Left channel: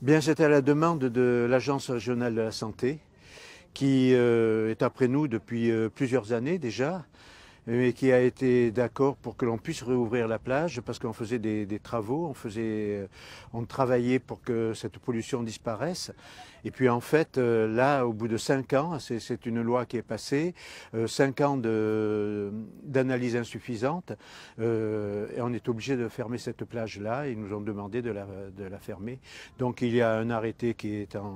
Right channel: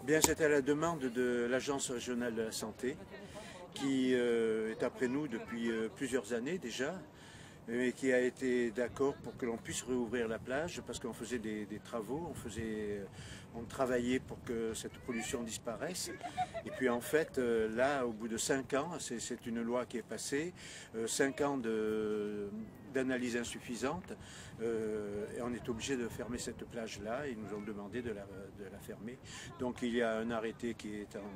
Bien, c'était à la demande de l'Agence régionale de la santé, qui est après nous depuis plusieurs années déjà, mais qui a été d'accord pour que l'on puisse réouvrir la plage parce qu'on faisait des travaux, on travaillait pour que cette pollution disparaisse. Et puis en fait, là, au bout de 5 ans, c'est une loi qui est passée, 5 ans d'analyse insuffisante, et on est obligé de fermer cette plage-là. Ils nous ont demandé de la fermer. Donc il y a un arrêté qui est en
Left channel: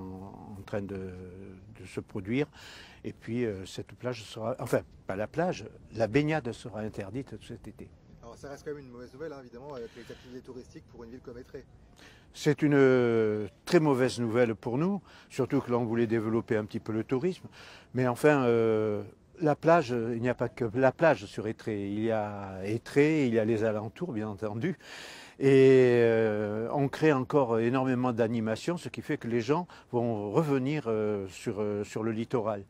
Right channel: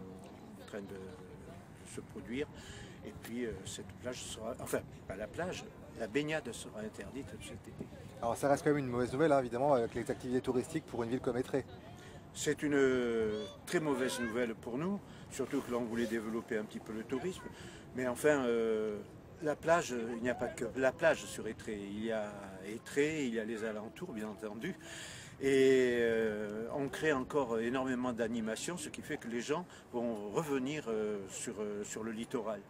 train de se produire. Et puis cette plage sera, enfin pas la plage, la baignade sera interdite cet été. Alors ça reste quand même une mauvaise nouvelle, hein, évidemment, avec les activités touristiques pour une ville comme Étré. C'est une très mauvaise nouvelle pour nous, surtout que l'on voulait développer un petit peu le tourisme. Mais enfin, la plage, il n'y a pas que la plage sur Étré. Il y a Étré, il y a les alentours, bien entendu. Et on crée encore énormément d'animations, ce qui fait que les gens vont revenir sur le littoral.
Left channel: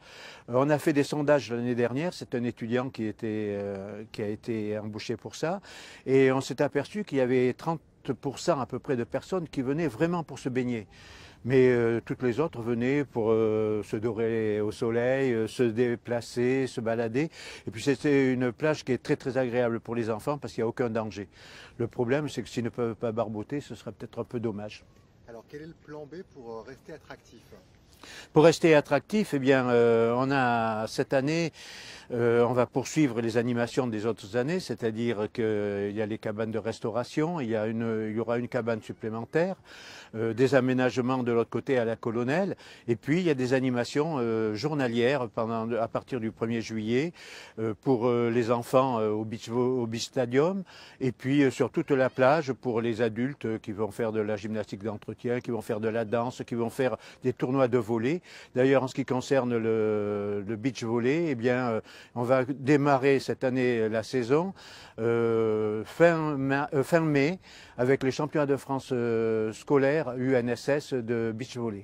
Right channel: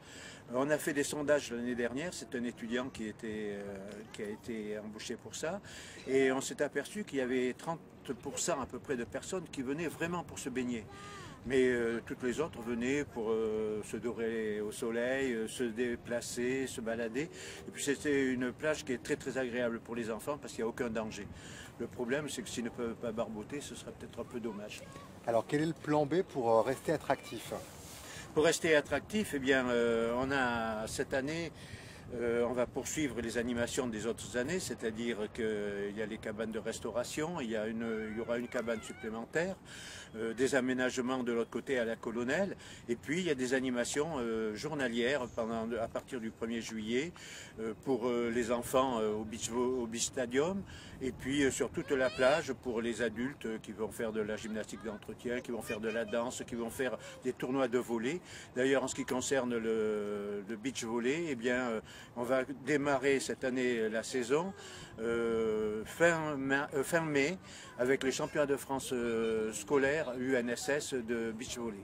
On a fait des sondages l'année dernière, c'est un étudiant qui a été embauché pour ça, et on s'est aperçu qu'il y avait 30% à peu près de personnes qui venaient vraiment pour se baigner. Mais toutes les autres venaient pour se dorer au soleil, se déplacer, se balader. Et puis c'était une plage qui est très très agréable pour les enfants parce qu'il n'y a aucun danger. Le problème, c'est que s'ils ne peuvent pas barboter, ce sera peut-être un peu dommage. Alors quel est le plan B pour rester attractif? Pour rester attractif, eh bien, on a cette année, on va poursuivre les animations des autres années, c'est-à-dire qu'il y a les cabanes de restauration, il y aura une cabane supplémentaire, des aménagements de l'autre côté à la Colonelle, et puis il y a des animations journalières à partir du 1er juillet pour les enfants au beach stadium, et puis sur toute la plage pour les adultes qui vont faire de la gymnastique d'entretien, qui vont faire de la danse, qui vont faire des tournois de volley. D'ailleurs, en ce qui concerne le beach volley, eh bien, on va démarrer cette année la saison fin mai avec les championnats de France scolaires UNSS de beach volley.